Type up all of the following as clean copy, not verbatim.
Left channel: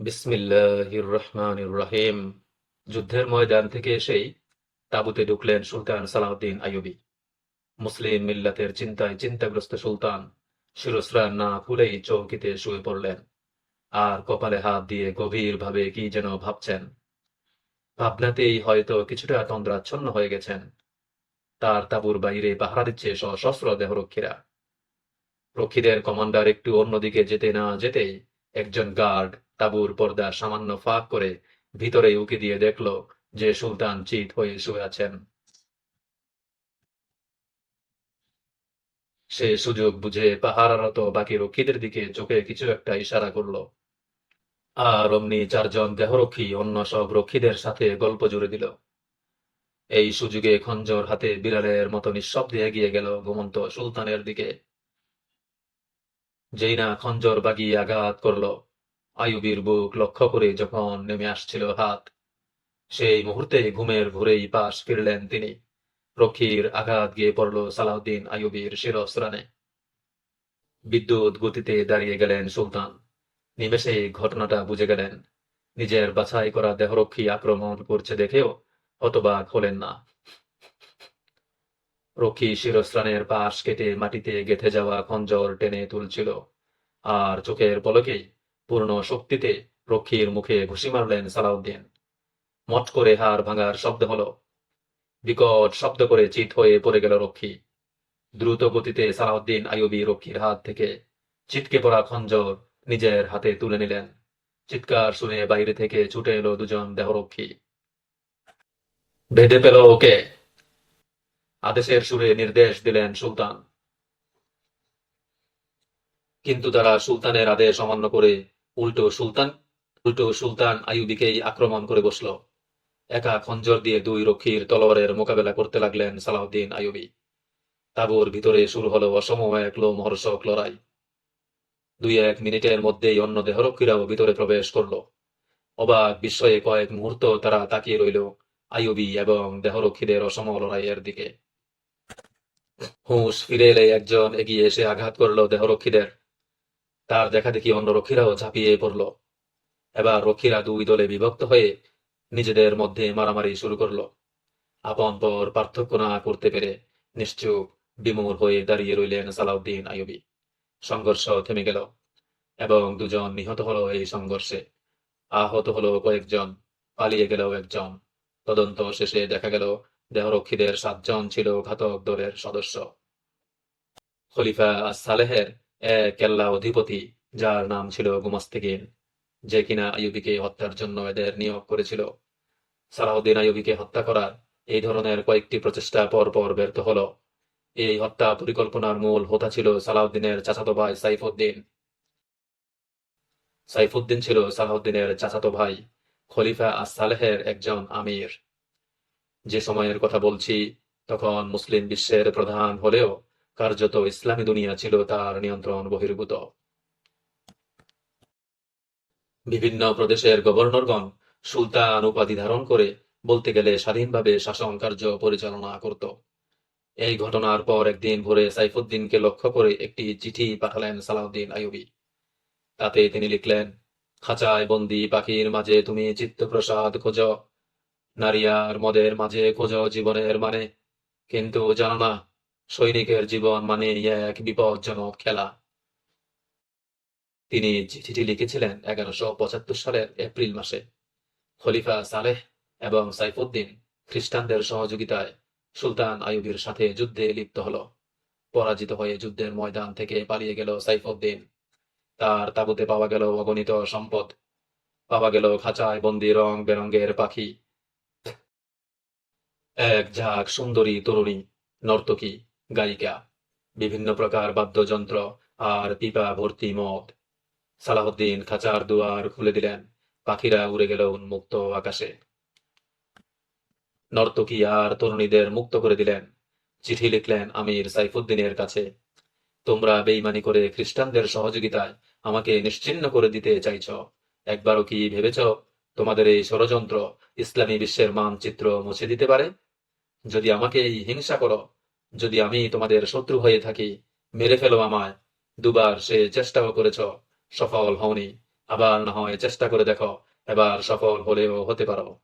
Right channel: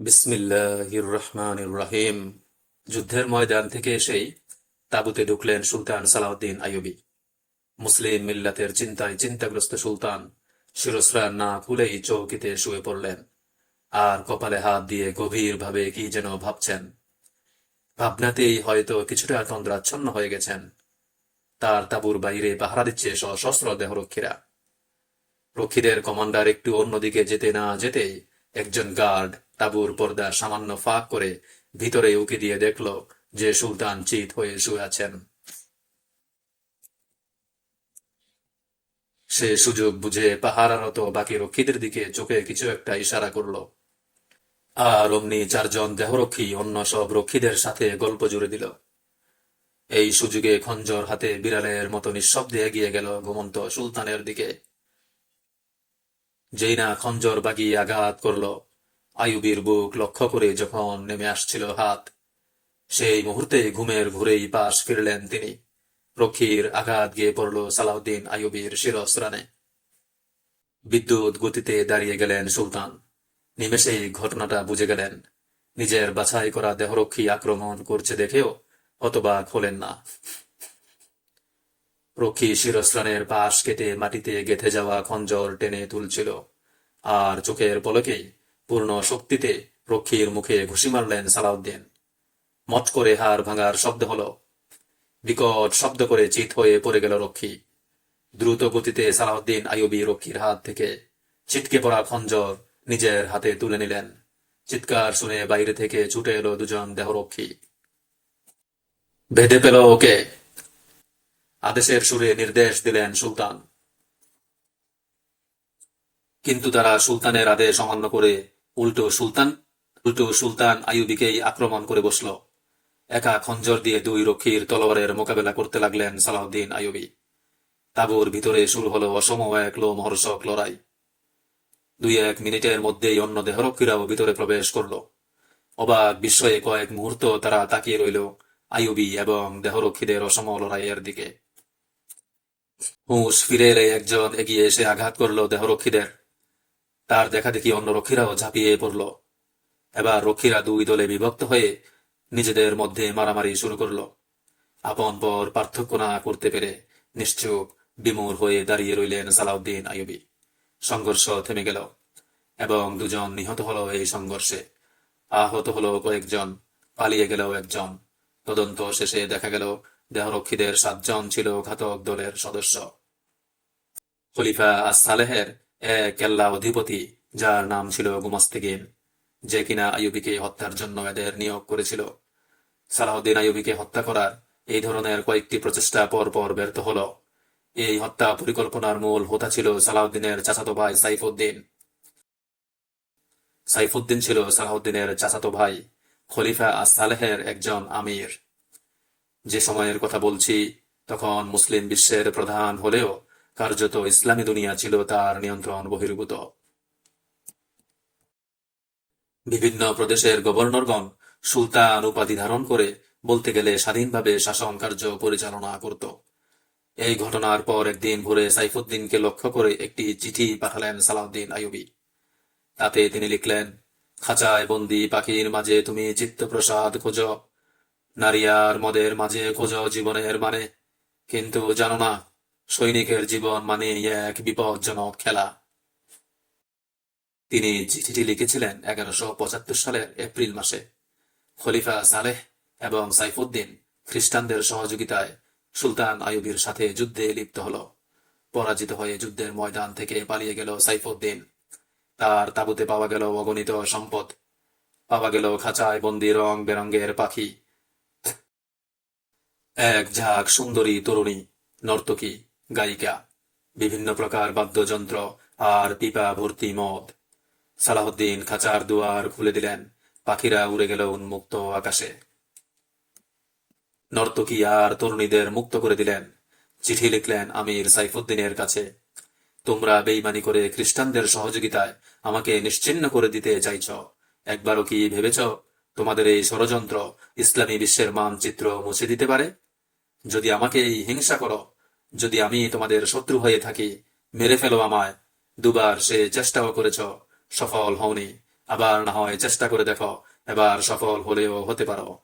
বিসমিল্লাহির রহমানির রহিম। যুদ্ধের ময়দান থেকে এসেই তাঁবুতে ঢুকলেন সুলতান সালাউদ্দিন আইয়ুবী। মুসলিম মিল্লাতের চিন্তায় চিন্তাগ্রস্ত সুলতান শিরস্ত্রাণ না খুলেই চৌকিতে শুয়ে পড়লেন, আর কপালে হাত দিয়ে গভীরভাবে কি যেন ভাবছেন। ভাবনাতেই হয়তো কিছুটা তন্দ্রাচ্ছন্ন হয়ে গেছেন। তার তাঁবুর বাইরে পাহারা দিচ্ছে সশস্ত্র দেহরক্ষীরা। রক্ষীদের কমান্ডার একটু অন্যদিকে যেতে না যেতেই একজন গার্ড তাঁবুর পর্দা সামান্য ফাঁক করে ভিতরে উঁকি দিয়ে দেখল যে সুলতান চিত হয়ে শুয়ে আছেন। সে সুযোগ বুঝে পাহারারত বাকি রক্ষীদের দিকে চোখে কিছু একটা ইশারা করল, আর অমনি চারজন দেহরক্ষী অন্য সব রক্ষীদের সাথে গল্প জুড়ে দিল। এই সুযোগে খঞ্জর হাতে বিড়ালের মতো নিঃশব্দে এগিয়ে গেল ঘুমন্ত সুলতানের দিকে। যেই না খঞ্জর বাগিয়ে আঘাত করল, আইয়ুবীর বুক লক্ষ্য করে যখন নেমে আসছিল হাত, সেই মুহূর্তে ঘুমের ঘুরেই পাশ ফিরলেন তিনি। রক্ষীর আঘাত গিয়ে পড়ল সালাউদ্দিন আইয়ুবীর শিরস্ত্রাণে। বিদ্যুৎ গতিতে দাঁড়িয়ে গেলেন সুলতান। নিমেষেই ঘটনাটা বুঝে গেলেন। নিজের বাছাই করা দেহরক্ষী আক্রমণ করছে দেখেও হতবাক হলেন না। রক্ষী শিরস্ত্রাণের পাশ কেটে মাটিতে গেঁথে যাওয়া খঞ্জর টেনে তুলছিল, আর চোখের পলকেই পূর্ণ শক্তিতে রক্ষীর মুখে ঘুষি মারলেন সালাউদ্দিন। মট করে হাড় ভাঙার শব্দ হলো। বিকট শব্দ করে চিৎ হয়ে পড়ে গেল রক্ষী। দ্রুত গতিতে সালাউদ্দিন আইয়ুবী রক্ষীর হাত থেকে ছিটকে পড়া খঞ্জর নিজের হাতে তুলে নিলেন। চিৎকার শুনে বাইরে থেকে ছুটে এলো দুজন দেহরক্ষী। বেঁধে পেল ওকে, আদেশের সুরে নির্দেশ দিলেন সুলতান। কিন্তু তারা সুলতানের আদেশ অমান্য করে উল্টো সুলতান উল্টো সুলতান আইয়ুবীকেই আক্রমণ করে বসল। একা খঞ্জর দিয়ে দুই রক্ষীর তলোয়ারের মোকাবেলা করতে লাগলেন সালাউদ্দিন আইয়ুবী। তাঁবুর ভিতরে শুরু হলো অসম এক লোমহর্ষক লড়াই। 2-1 মিনিটের মধ্যেই অন্য দেহরক্ষীরাও ভিতরে প্রবেশ করল। অবাক বিস্ময়ে কয়েক মুহূর্ত তারা তাকিয়ে রইল আইয়ুবী এবং দেহরক্ষীদের অসম লড়াইয়ের দিকে। হুঁশ ফিরে এলে একজন এগিয়ে এসে আঘাত করল দেহরক্ষীদের। তার দেখা দেখি অন্য রক্ষীরাও ঝাঁপিয়ে পড়ল। এবার রক্ষীরা দুই দলে বিভক্ত হয়ে নিজেদের মধ্যে মারামারি শুরু করল। আপন পর পার্থক্য না করতে পেরে নিশ্চুপ বিমূঢ় হয়ে দাঁড়িয়ে রইলেন সালাউদ্দিন আইয়ুবী। সংঘর্ষ থেমে গেল এবং দুজন নিহত হলো এই সংঘর্ষে। আহত হলো কয়েকজন, পালিয়ে গেল একজন। তদন্ত শেষে দেখা গেল দেহরক্ষীদের 7 জন ছিল ঘাতক দলের সদস্য। খলিফা আস-সালেহের এক কেল্লা অধিপতি, যার নাম ছিল গুমস্তিগিন, যে কিনা আইয়ুবীকে হত্যার জন্য এদের নিয়োগ করেছিল। সালাউদ্দিন আইয়ুবীকে হত্যা করার এই ধরনের কয়েকটি প্রচেষ্টা পর পর ব্যর্থ হল। এই হত্যা পরিকল্পনার মূল হোতা ছিল সালাউদ্দিনের চাচাতো ভাই সাইফুদ্দিন। সাইফুদ্দিন ছিল সালাউদ্দিনের চাচাতো ভাই, খলিফা আস-সালেহের একজন আমির। যে সময়ের কথা বলছি তখন মুসলিম বিশ্বের প্রধান হলেও কার্যত ইসলামী দুনিয়া ছিল তার নিয়ন্ত্রণ বহির্ভূত। বিভিন্ন প্রদেশের গভর্নরগণ সুলতান উপাধি ধারণ করে বলতে গেলে স্বাধীনভাবে শাসন কার্য পরিচালনা করত। এই ঘটনার পর একদিন ভোরে সাইফুদ্দিনকে লক্ষ্য করে একটি চিঠি পাঠালেন সালাউদ্দিন আইয়ুবী। তাতে তিনি লিখলেন, খাঁচায় বন্দি পাখির মাঝে তুমি চিত্তপ্রসাদ খোঁজ, নারী আর মদের মাঝে খোঁজ জীবনের মানে, কিন্তু জানো না সৈনিকের জীবন মানে এক বিপজ্জনক খেলা। তিনি চিঠিটি লিখেছিলেন 1175 সালের এপ্রিল মাসে। খলিফা সালেহ এবং সাইফুদ্দিন খ্রিস্টানদের সহযোগিতায় সুলতান আইয়ুবীর সাথে যুদ্ধে লিপ্ত হল। পরাজিত হয়ে যুদ্ধের ময়দান থেকে পালিয়ে গেল সাইফুদ্দিন। তার তাঁবুতে পাওয়া গেল অগণিত সম্পদ, পাওয়া গেল খাঁচায় বন্দি রং বেরঙের পাখি, এক ঝাঁক সুন্দরী তরুণী, নর্তকী, গায়িকা, বিভিন্ন প্রকার বাদ্যযন্ত্র আর পিপা ভর্তি মদ। সালাহউদ্দিন খাঁচার দুয়ার খুলে দিলেন। পাখিরা উড়ে গেল উন্মুক্ত আকাশে। নর্তকী আর তরুণীদের মুক্ত করে দিলেন। চিঠি লিখলেন আমির সাইফুদ্দিনের কাছে, তোমরা বেইমানি করে খ্রিস্টানদের সহযোগিতায় আমাকে নিশ্চিহ্ন করে দিতে চাইছ। একবারও কি ভেবেছ তোমাদের এই ষড়যন্ত্র ইসলামী বিশ্বের মানচিত্র মুছে দিতে পারে? যদি আমাকে এই হিংসা করো, যদি আমি তোমাদের শত্রু হয়ে থাকি, মেরে ফেলো আমায়। দুবার সে চেষ্টাও করেছ, সফল হওনি। আবার না হয় চেষ্টা করে দেখো, এবার সফল হলেও হতে পারো।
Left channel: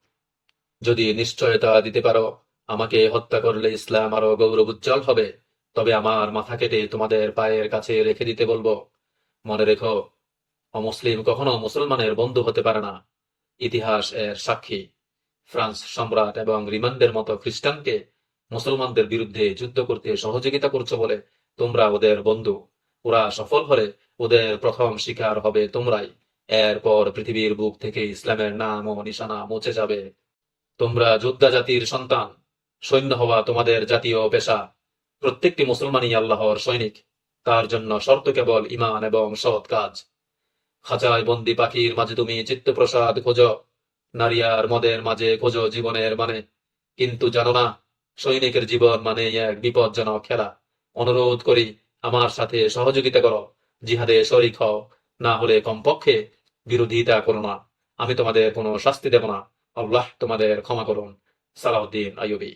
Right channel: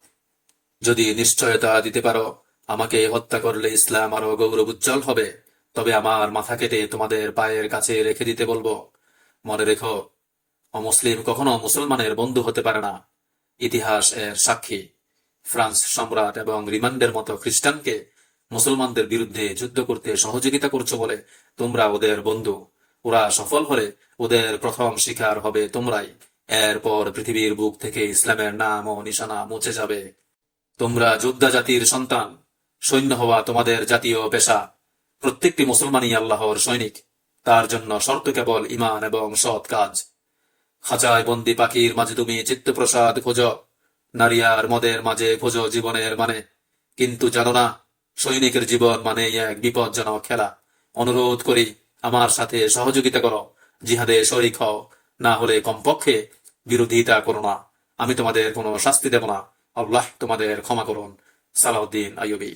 যদি নিশ্চয়তা দিতে পারো আমাকে হত্যা করলে ইসলাম আরো গৌরব উজ্জ্বল হবে, তবে আমার মাথা কেটে তোমাদের পায়ের কাছে রেখে দিতে বলবো। মনে রেখো, অমুসলিম কখনো মুসলমানের বন্ধু হতে পারে না। ইতিহাস এর সাক্ষী। ফ্রান্স সম্রাট এবং রিমান্ডের মতো খ্রিস্টানকে মুসলমানদের বিরুদ্ধে যুদ্ধ করতে সহযোগিতা করছো বলে তোমরা ওদের বন্ধু। ওরা সফল হলে ওদের প্রথম শিকার হবে তোমরাই। এরপর পৃথিবীর বুক থেকে ইসলামের নাম ও নিশানা মুছে যাবে। তোমরা যোদ্ধা জাতির সন্তান। সৈন্য হওয়া তোমাদের জাতীয় পেশা। প্রত্যেকটি মুসলমানই আল্লাহর সৈনিক। তার জন্য শর্ত কেবল ঈমান এবং সৎ কাজ। খাঁচায় বন্দি পাখির মাঝে তুমি চিত্তপ্রসাদ খোঁজো, নারী আর মদের মাঝে খোঁজো জীবনের মানে। কিন্তু জানো না, সৈনিকের জীবন মানে এক বিপজ্জনক খেলা। অনুরোধ করি, আমার সাথে সহযোগিতা করো, জিহাদে শরিক হও, না হলে কমপক্ষে বিরোধিতা করো না। আমি তোমাদের কোনো শাস্তি দেব না। আল্লাহ তোমাদের ক্ষমা করুন। সালাউদ্দিন আইয়ুবী।